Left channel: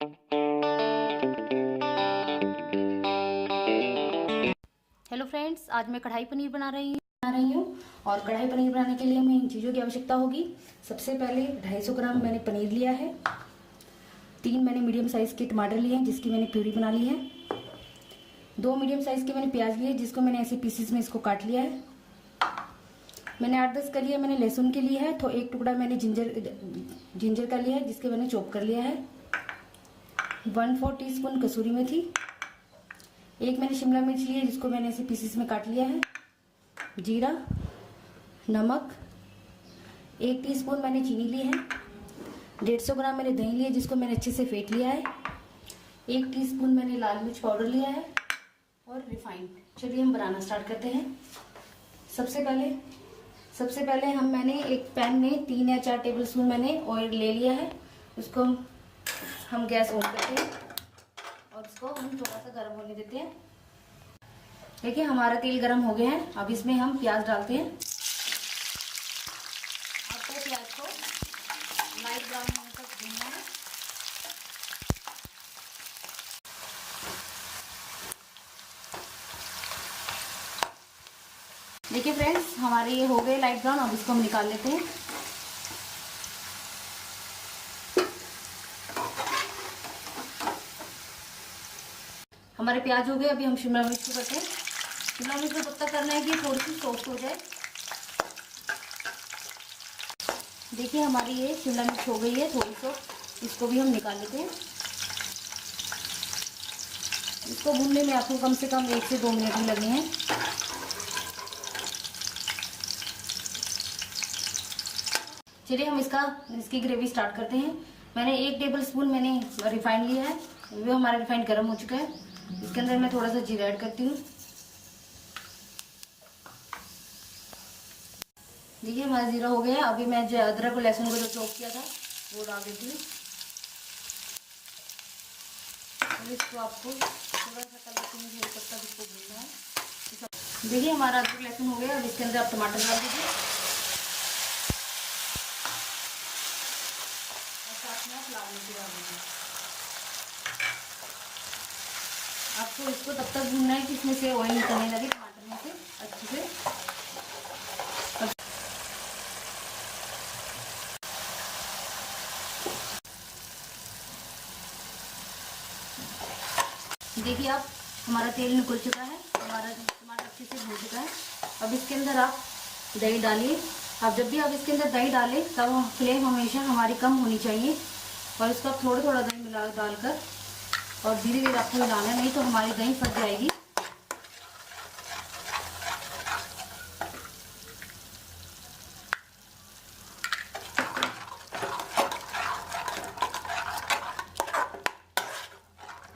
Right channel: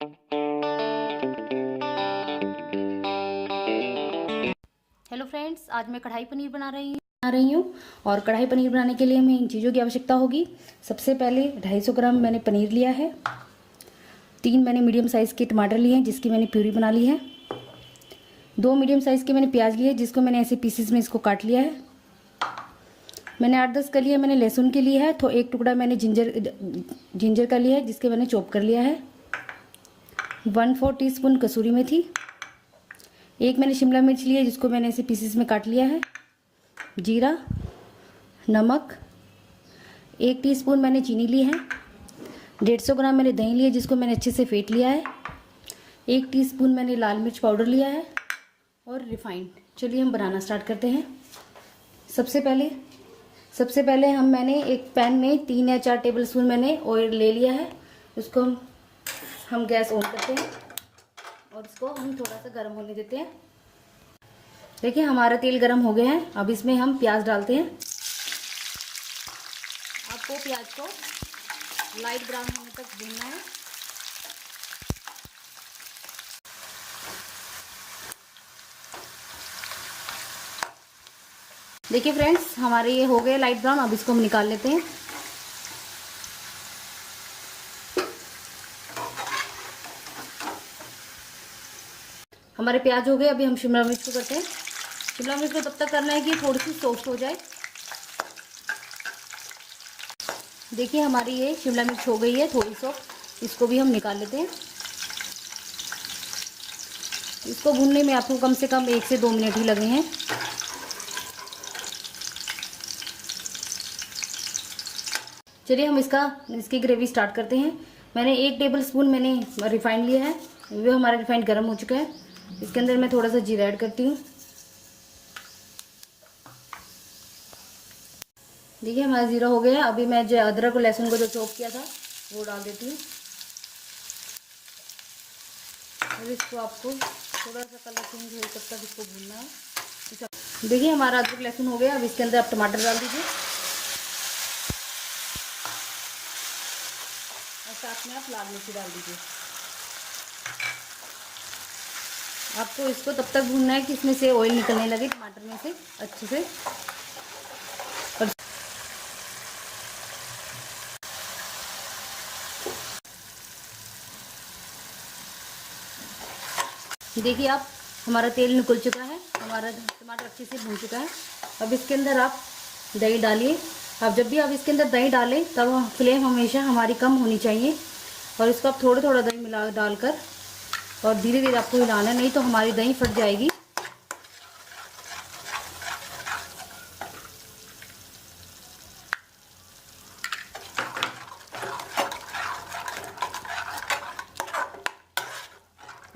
Hello friends, आज मैं कढ़ाई पनीर बना रही हूँ। और कढ़ाई पनीर बनाने के लिए हमें इन चीज़ों की आवश्यकता होगी। सबसे पहले 250 ग्राम मैंने पनीर लिया है। 3 मैंने मीडियम साइज़ के टमाटर लिए हैं जिसकी मैंने प्यूरी बना ली है। 2 मीडियम साइज़ के मैंने प्याज लिए जिसको मैंने ऐसे पीसेस में इसको काट लिया है। मैंने 8-10 कलियाँ मैंने लहसुन की ली है। तो एक टुकड़ा मैंने जिंजर का लिया है जिसके मैंने चॉप कर लिया है। 1/4 टीस्पून कसूरी मेथी। एक मैंने शिमला मिर्च ली है जिसको मैंने ऐसे पीसेस में काट लिया है। जीरा, नमक, 1 टीस्पून मैंने चीनी ली है। 150 ग्राम मैंने दही लिया जिसको मैंने अच्छे से फेंट लिया है। 1 टीस्पून मैंने लाल मिर्च पाउडर लिया है और रिफाइंड। चलिए हम बनाना स्टार्ट करते हैं। सबसे पहले मैंने एक पैन में 3 या 4 टेबलस्पून मैंने ऑयल ले लिया है। उसको हम गैस ऑन करते हैं और इसको हम थोड़ा सा गर्म होने देते हैं। देखिए हमारा तेल गर्म हो गया है। अब इसमें हम प्याज डालते हैं। आपको प्याज को लाइट ब्राउन होने तक भूनना है। देखिए फ्रेंड्स, हमारे ये हो गए लाइट ब्राउन। अब इसको हम निकाल लेते हैं। हमारे प्याज हो गए। अभी हम शिमला मिर्च को करते हैं। शिमला मिर्च को तब तक करना है कि थोड़ी सी सॉफ्ट हो जाए। देखिए हमारी ये शिमला मिर्च हो गई है थोड़ी सॉफ्ट। इसको भी हम निकाल लेते हैं। इसको भूनने में आपको कम से कम 1 से 2 मिनट ही लगे हैं। चलिए हम इसकी ग्रेवी स्टार्ट करते हैं। मैंने 1 टेबलस्पून मैंने रिफाइंड लिया है। वो हमारा रिफाइंड गर्म हो चुका है। इसके अंदर मैं थोड़ा सा जीरा ऐड करती हूँ। देखिए हमारा जीरा हो गया है। अभी मैं जो अदरक और लहसुन को जो चॉप किया था वो डाल देती हूँ। और इसको आपको थोड़ा सा कलर चेंज होने तक इसको भूनना है। देखिए हमारा अदरक लहसुन हो गया। अब इसके अंदर आप टमाटर डाल दीजिए और साथ में आप लाल मिर्ची डाल दीजिए। आपको इसको तब तक भूनना है कि इसमें से ऑयल निकलने लगे टमाटर में से अच्छे से। देखिए आप हमारा तेल निकल चुका है। हमारा टमाटर अच्छे से भून चुका है। अब इसके अंदर आप दही डालिए। अब जब भी आप इसके अंदर दही डालें तब फ्लेम हमेशा हमारी कम होनी चाहिए। और इसको आप थोड़ा थोड़ा दही मिला डालकर और धीरे धीरे आपको हिलाना है, नहीं तो हमारी दही फट जाएगी।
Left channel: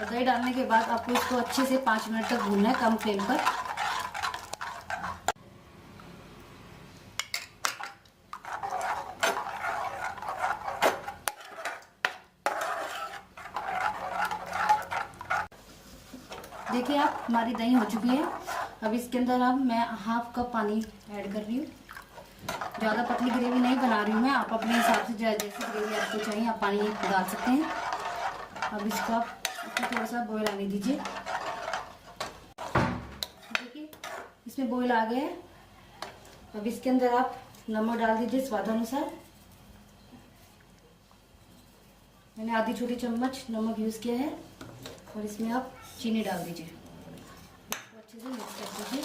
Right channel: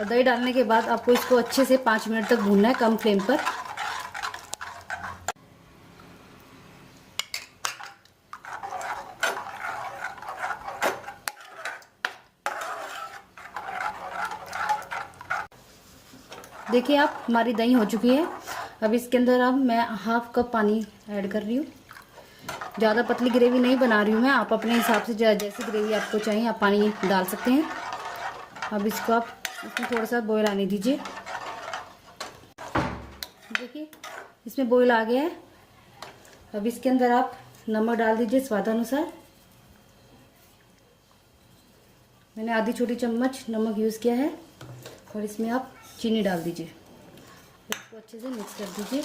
और दही डालने के बाद आपको इसको अच्छे से 5 मिनट तक भूनना है कम फ्लेम पर। देखिए आप हमारी दही हो चुकी है। अब इसके अंदर अब मैं 1/2 कप पानी ऐड कर रही हूँ। ज़्यादा पतली ग्रेवी नहीं बना रही हूँ मैं। आप अपने हिसाब से जैसी ग्रेवी आपको चाहिए आप पानी डाल सकते हैं। अब इसको आप इसमें थोड़ा सा बॉयल आने दीजिए। देखिए इसमें बॉयल आ गया है। अब इसके अंदर आप नमक डाल दीजिए स्वादानुसार। मैंने आधी छोटी चम्मच नमक यूज़ किया है। और इसमें आप चीनी डाल दीजिए। इसको अच्छे से मिक्स कर दीजिए।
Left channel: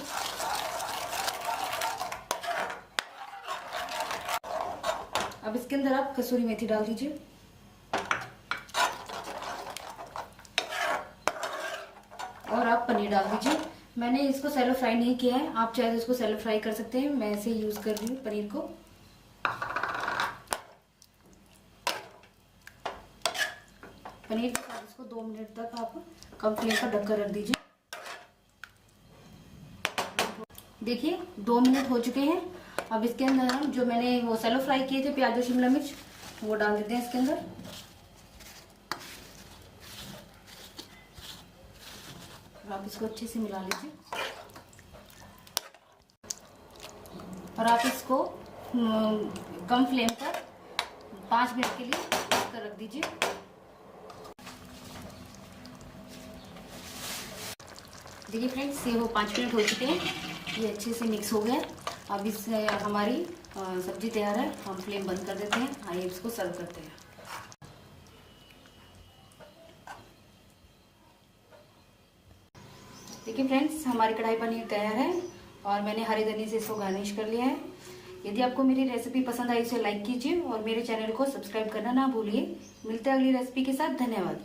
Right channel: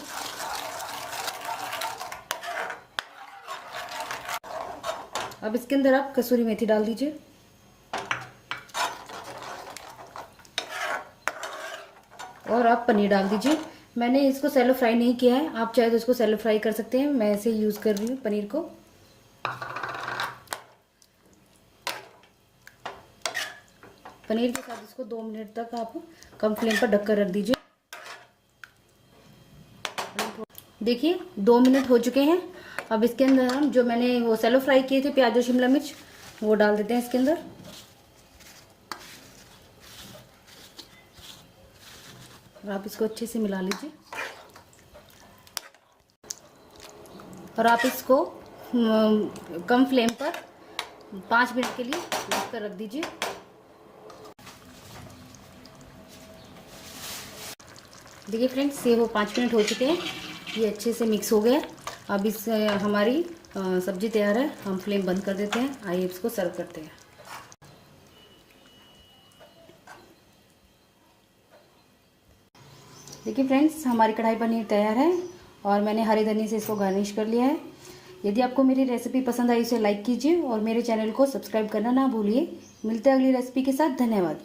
अब इसके अंदर आप कसूरी मेथी डाल दीजिए। और आप पनीर डाल दीजिए। मैंने इसको सैलो फ्राई नहीं किया है। आप चाहे तो इसको सैलो फ्राई कर सकते हैं। मैं ऐसे यूज कर रही हूँ पनीर को। पनीर के साथ इसको 2 मिनट तक आप कम फ्लेम पर ढककर रख दीजिए। देखिए 2 मिनट हो चुके हैं। अब इसके अंदर हम जो मैंने वो सैलो फ्राई किए थे प्याज और शिमला मिर्च वो डाल देते हैं इसके अंदर। आप इसको अच्छे से मिला लीजिए और आप इसको कम फ्लेम पर 5 मिनट के लिए ढक कर रख दीजिए। देखिए फ्रेंड्स, ये वो 5 मिनट हो चुके हैं, ये अच्छे से मिक्स हो गया। अब इस हमारी सब्जी तैयार है। हम फ्लेम बंद कर देते हैं। आइए इसको सर्व करते हैं। देखिए फ्रेंड्स, हमारी कढ़ाई पनीर तैयार है और मैंने हरे धनिया से इसको गार्निश कर लिया है। यदि आपको मेरी रेसिपी पसंद आई तो लाइक कीजिए और मेरे चैनल को सब्सक्राइब करना ना भूलिए। मिलते हैं अगली रेसिपी के साथ। धन्यवाद।